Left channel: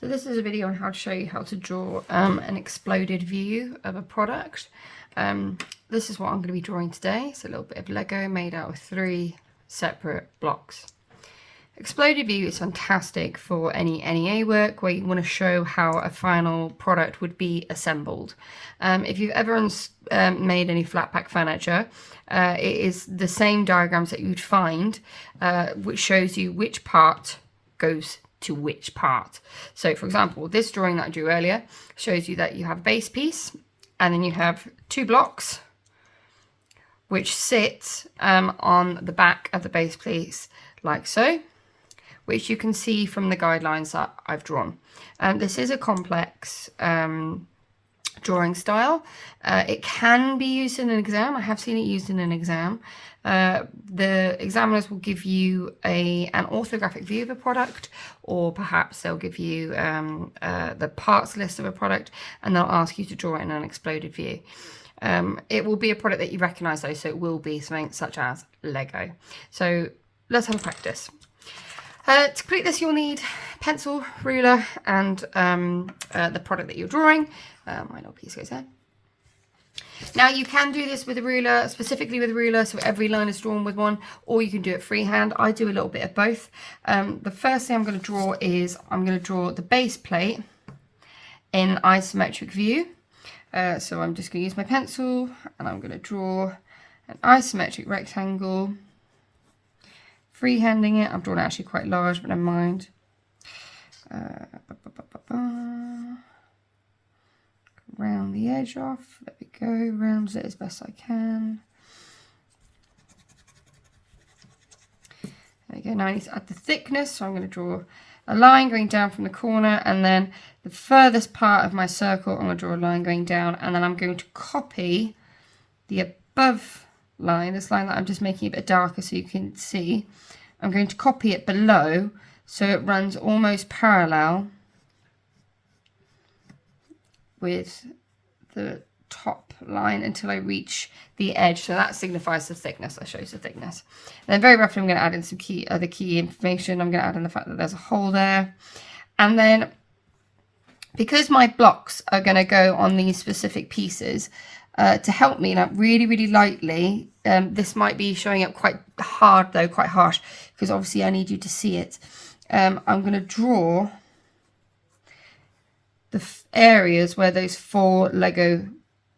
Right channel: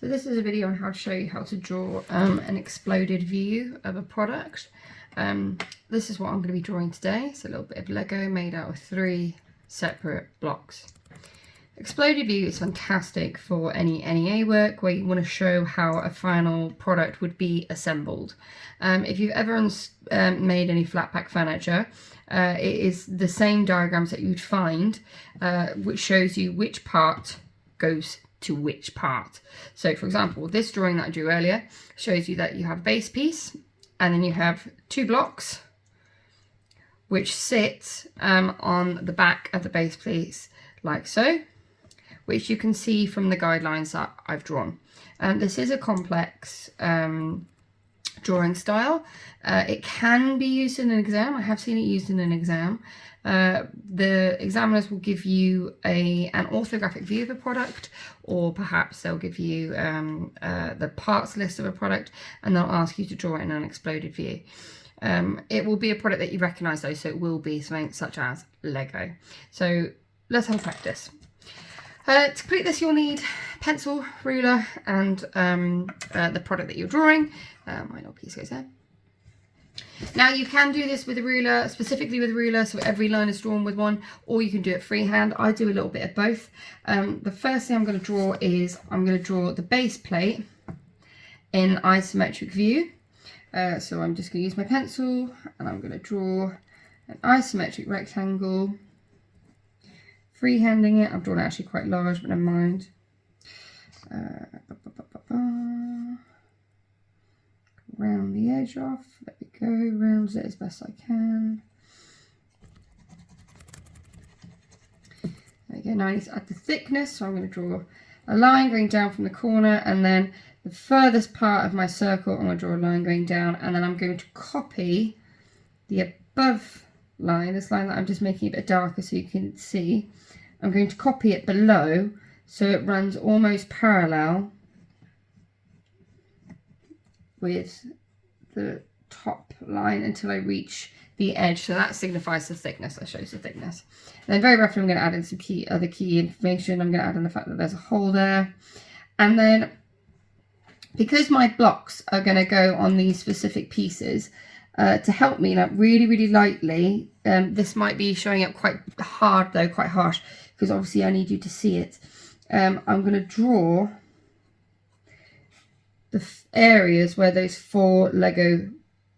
So this is a video on how to show you how to draw an exploded view of a product. This is what I'm going to be drawing today. It's a little bit of Lego made out of 3 separate blocks. Exploded view is fantastic for any NEA work where you want to show how a final product would be assembled. If you've ever made any flat pack furniture, it is the same diagrams that you'd find, which shows you which part goes to which part. So for example, this drawing that I drew earlier shows you that you have a base piece and then you have 2 blocks which sit on the back of the base piece like so, which you can see from the guidelines that I've drawn. This is a complex drawing style. It can be used in an exam. I have seen it used in an exam. The examiners will give you an orthographic view of a product, or perhaps they'll give you the parts list of a product, and they'll ask you to draw it in an exploded view. It will be a product that you recognise though, so it will be something such as Lego. So let's have a practice. To complete this, you'll need pencil, ruler, and the product that you're drawing. My little piece goes there. Now you can do this with a ruler, specifically with a ruler, so every line is drawn with one, or you can do it freehand. I do a little bit of both. The first thing I'm going to draw is I'm going to draw the base plate in isometric view. So I'm just going to use my pencil and I'm going to draw an isometric rectangle, freehanding it. I've drawn it actually quite large, but never mind. Round the edge off, there we go, round it as best I can. There we go, now I need to add the thickness, so I'm going to draw a line going down from the corner, and then the furthest part of my circle I'm going to draw a line going down, and then I'm going to copy the above line, this line that I'm just making a bit darker so you can see. I'm going to copy it below so it runs almost parallel with the top line until I reach the edge. So that signifies the thickness, that shows the thickness. And then very roughly I'm going to add in some other key information. I'm going to add in the fact that there's a hole there. And then because my blocks are going to go on these specific pieces, to help me, like really lightly, this might be showing up quite hard though, quite harsh, because obviously I need you to see it. I'm going to draw the areas where those 4 Lego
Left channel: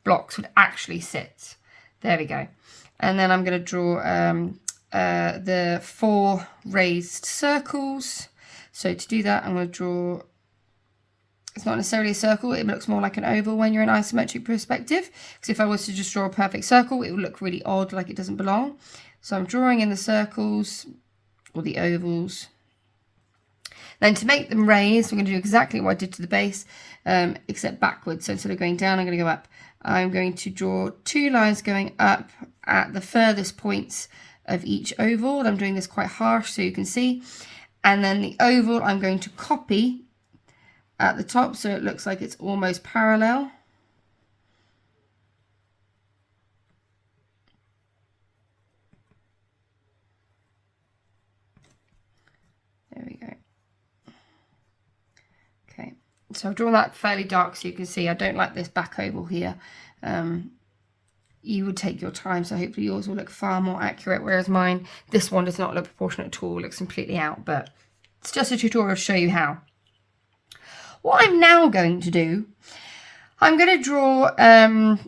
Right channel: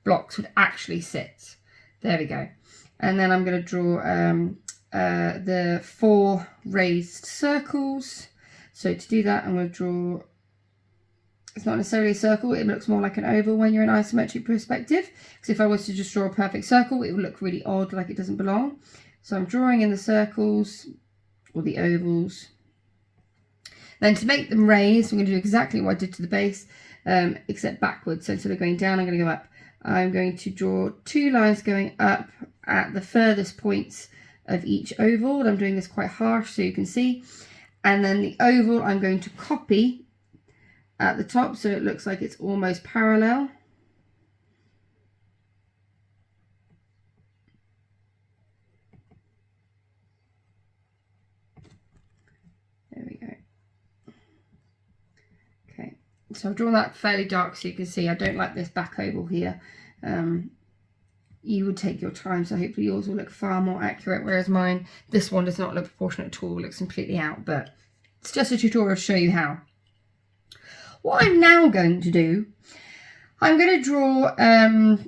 blocks would actually sit. There we go. And then I'm going to draw the 4 raised circles. So to do that, I'm going to draw, it's not necessarily a circle, it looks more like an oval when you're in isometric perspective, because if I was to just draw a perfect circle, it would look really odd, like it doesn't belong. So I'm drawing in the circles, or the ovals. Then to make them raised, I'm going to do exactly what I did to the base, except backwards. So instead of going down, I'm going to go up. I'm going to draw 2 lines going up at the furthest points of each oval. I'm doing this quite harsh so you can see. And then the oval I'm going to copy at the top so it looks like it's almost parallel. There we go. Okay, so I've drawn that fairly dark so you can see I don't like this back oval here. You would take your time, so hopefully yours will look far more accurate, whereas mine, this one does not look proportionate at all, it looks completely out, but it's just a tutorial to show you how. What I'm now going to do, I'm going to draw some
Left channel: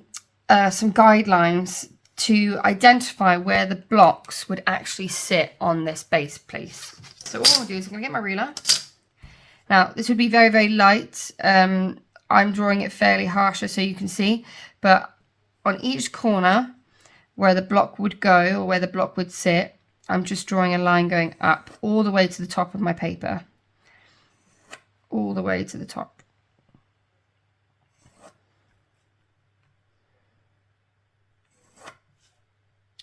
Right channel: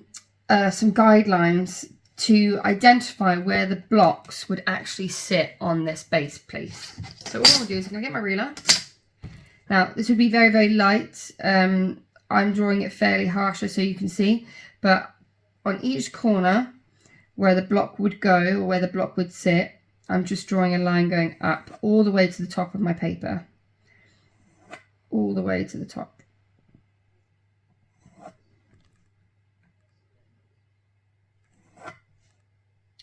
guidelines to identify where the blocks would actually sit on this base piece. So what I'm going to do is I'm going to get my ruler. Now this would be very light. I'm drawing it fairly harsher so you can see, but on each corner where the block would go or where the block would sit, I'm just drawing a line going up all the way to the top of my paper. All the way to the top.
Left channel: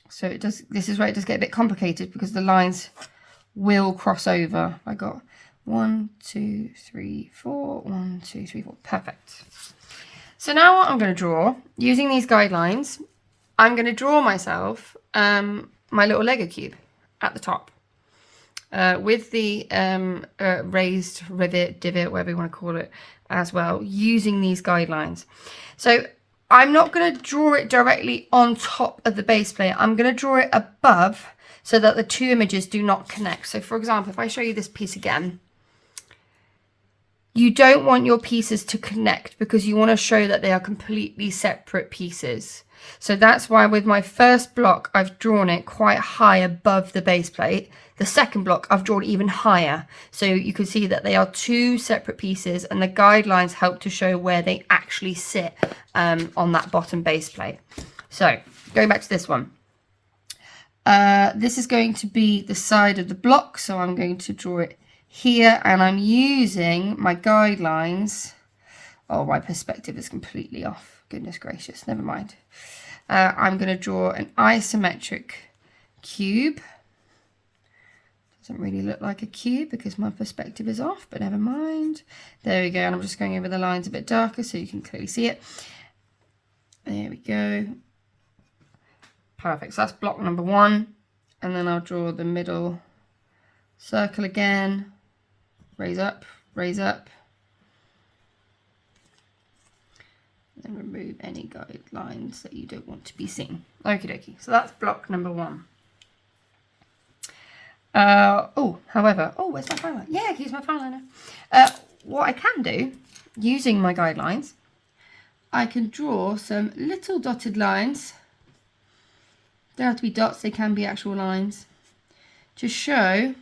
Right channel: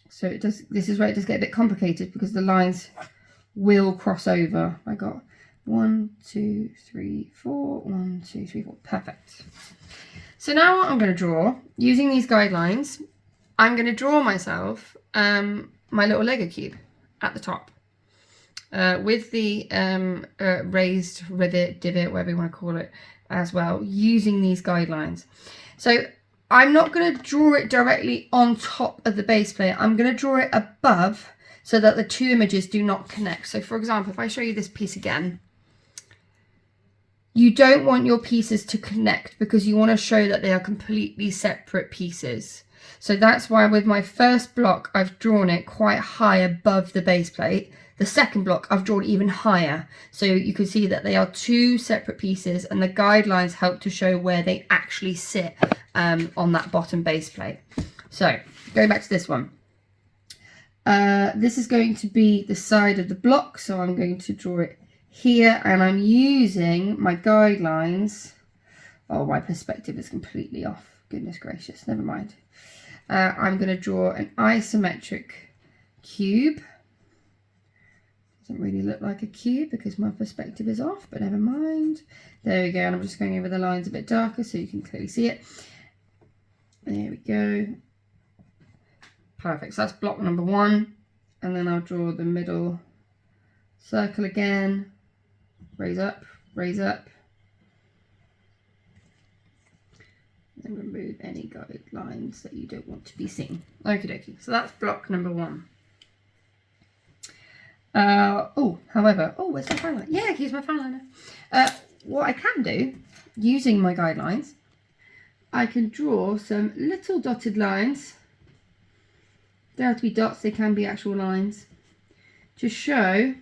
So it does, this is where it does get a bit complicated because the lines will cross over. I got 1, 2, 3, 4, 1, 2, 3, 4. Perfect. So now what I'm going to draw, using these guidelines, I'm going to draw myself my little Lego cube at the top. with the raised rivet, divot, whatever you want to call it, as well, using these guidelines. So I'm not going to draw it directly on top of the base plate. I'm going to draw it above so that the two images do not connect. So for example, if I show you this piece again, you don't want your pieces to connect because you want to show that they are completely separate pieces. So that's why with my first block, I've drawn it quite high above the base plate. The second block, I've drawn even higher. So you can see that they are two separate pieces, and the guidelines help to show where they actually sit on that bottom base plate. So going back to this one. This is going to be the side of the block. So I'm going to draw it here, and I'm using my guidelines. Oh, my perspective is completely off. Goodness gracious, never mind. I'm going to draw an isometric cube. Doesn't really look like a cube because my perspective is off, but never mind. There we go, and I'm just going over the lines a bit darker so you can clearly see it. There we go. Perfect, so that's block number one. And then I'll draw the middle circle again. Raise up, and remove any guidelines that you don't want to be seen. Okie dokie, so that's block number one. Where's my fine line? Yeah, I can use my fine liner. What I can do, using my guidelines, I can draw some little dotted lines. They don't have to be dots, they can be actual lines, to show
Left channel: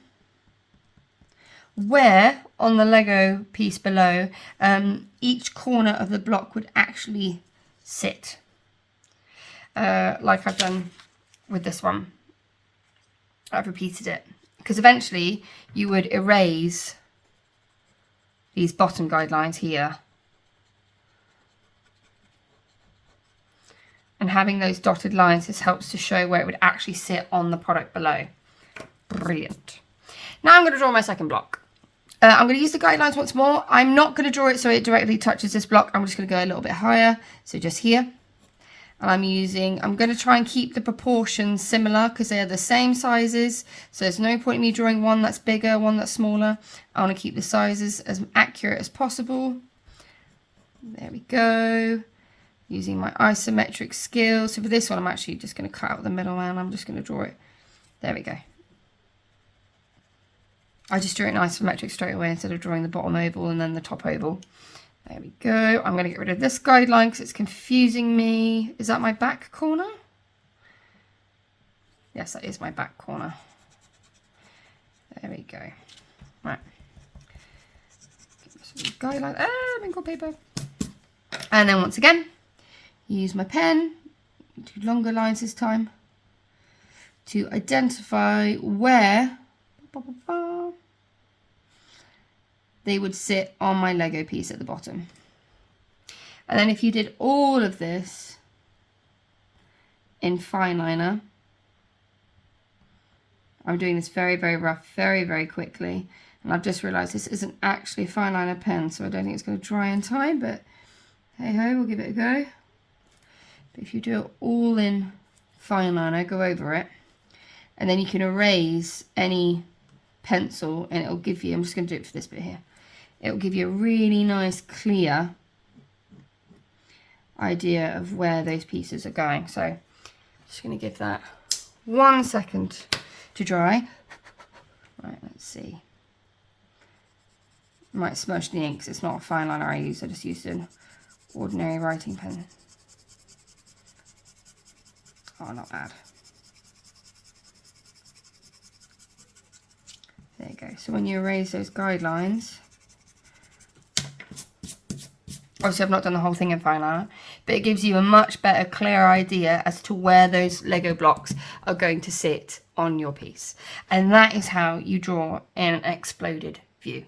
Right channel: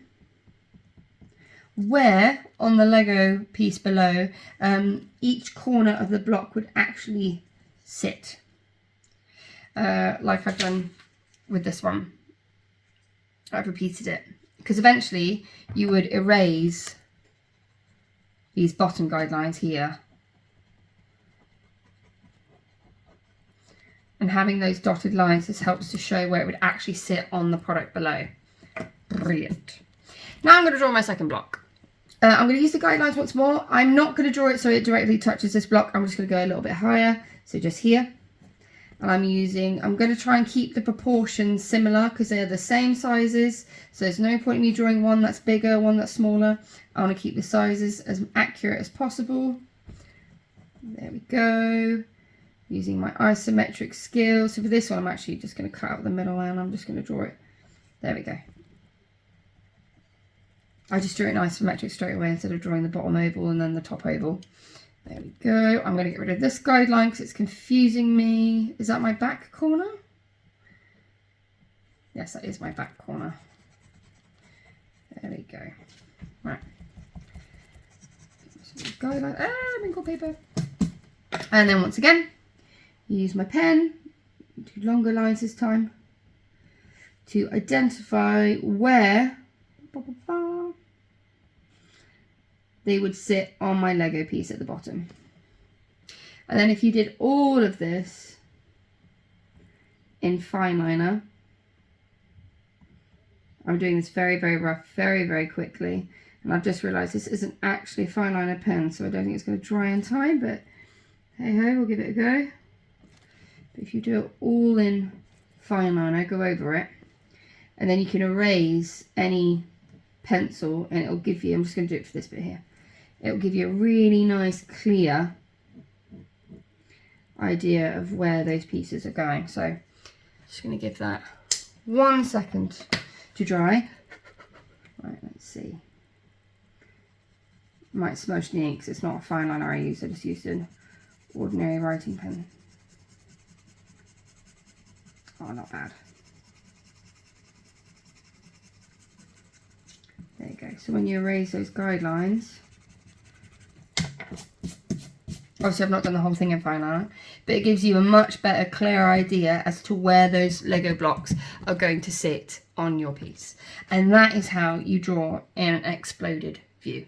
where on the Lego piece below each corner of the block would actually sit, like I've done with this one. I've repeated it because eventually you would erase these bottom guidelines here, and having those dotted lines, this helps to show where it would actually sit on the product below. Brilliant. Now I'm going to draw my second block. I'm going to use the guidelines once more. I'm not going to draw it so it directly touches this block. I'm just going to go a little bit higher, so just here. I'm going to try and keep the proportions similar because they're the same sizes. So there's no point in me drawing one that's bigger, one that's smaller. I want to keep the sizes as accurate as possible. There we go. Using my isometric scale. So for this one, I'm actually just going to cut out the middle and I'm just going to draw it. There we go. I just drew it in isometric straight away instead of drawing the bottom oval and then the top oval. There we go. I'm going to get rid of this guideline because it's confusing me. Is that my back corner? Yes, that is my back corner. There we go. Right. Guideline. I'm in gold paper. And then once again, use my pen, do longer lines this time, to identify where they would sit on my Lego piece at the bottom. And then if you did all of this in fine liner, I'm doing this very, very rough, very, very quickly. And I've just realised this isn't actually a fine liner pen, so I don't think it's going to dry in time, but hey ho, we'll give it a go. But if you do it all in fine liner, go over it, and then you can erase any pencil and it'll give you, I'm just going to do it for this bit here, it'll give you a really nice clear idea of where those pieces are going. So just going to give that 1 second to dry. Right, let's see. I might smudge the ink because it's not a fine liner I use, I just used an ordinary writing pen. Oh, not bad. There you go. So when you erase those guidelines, obviously I've not done the whole thing in fine liner, but it gives you a much better, clear idea as to where those Lego blocks are going to sit on your piece. And that is how you draw in an exploded view.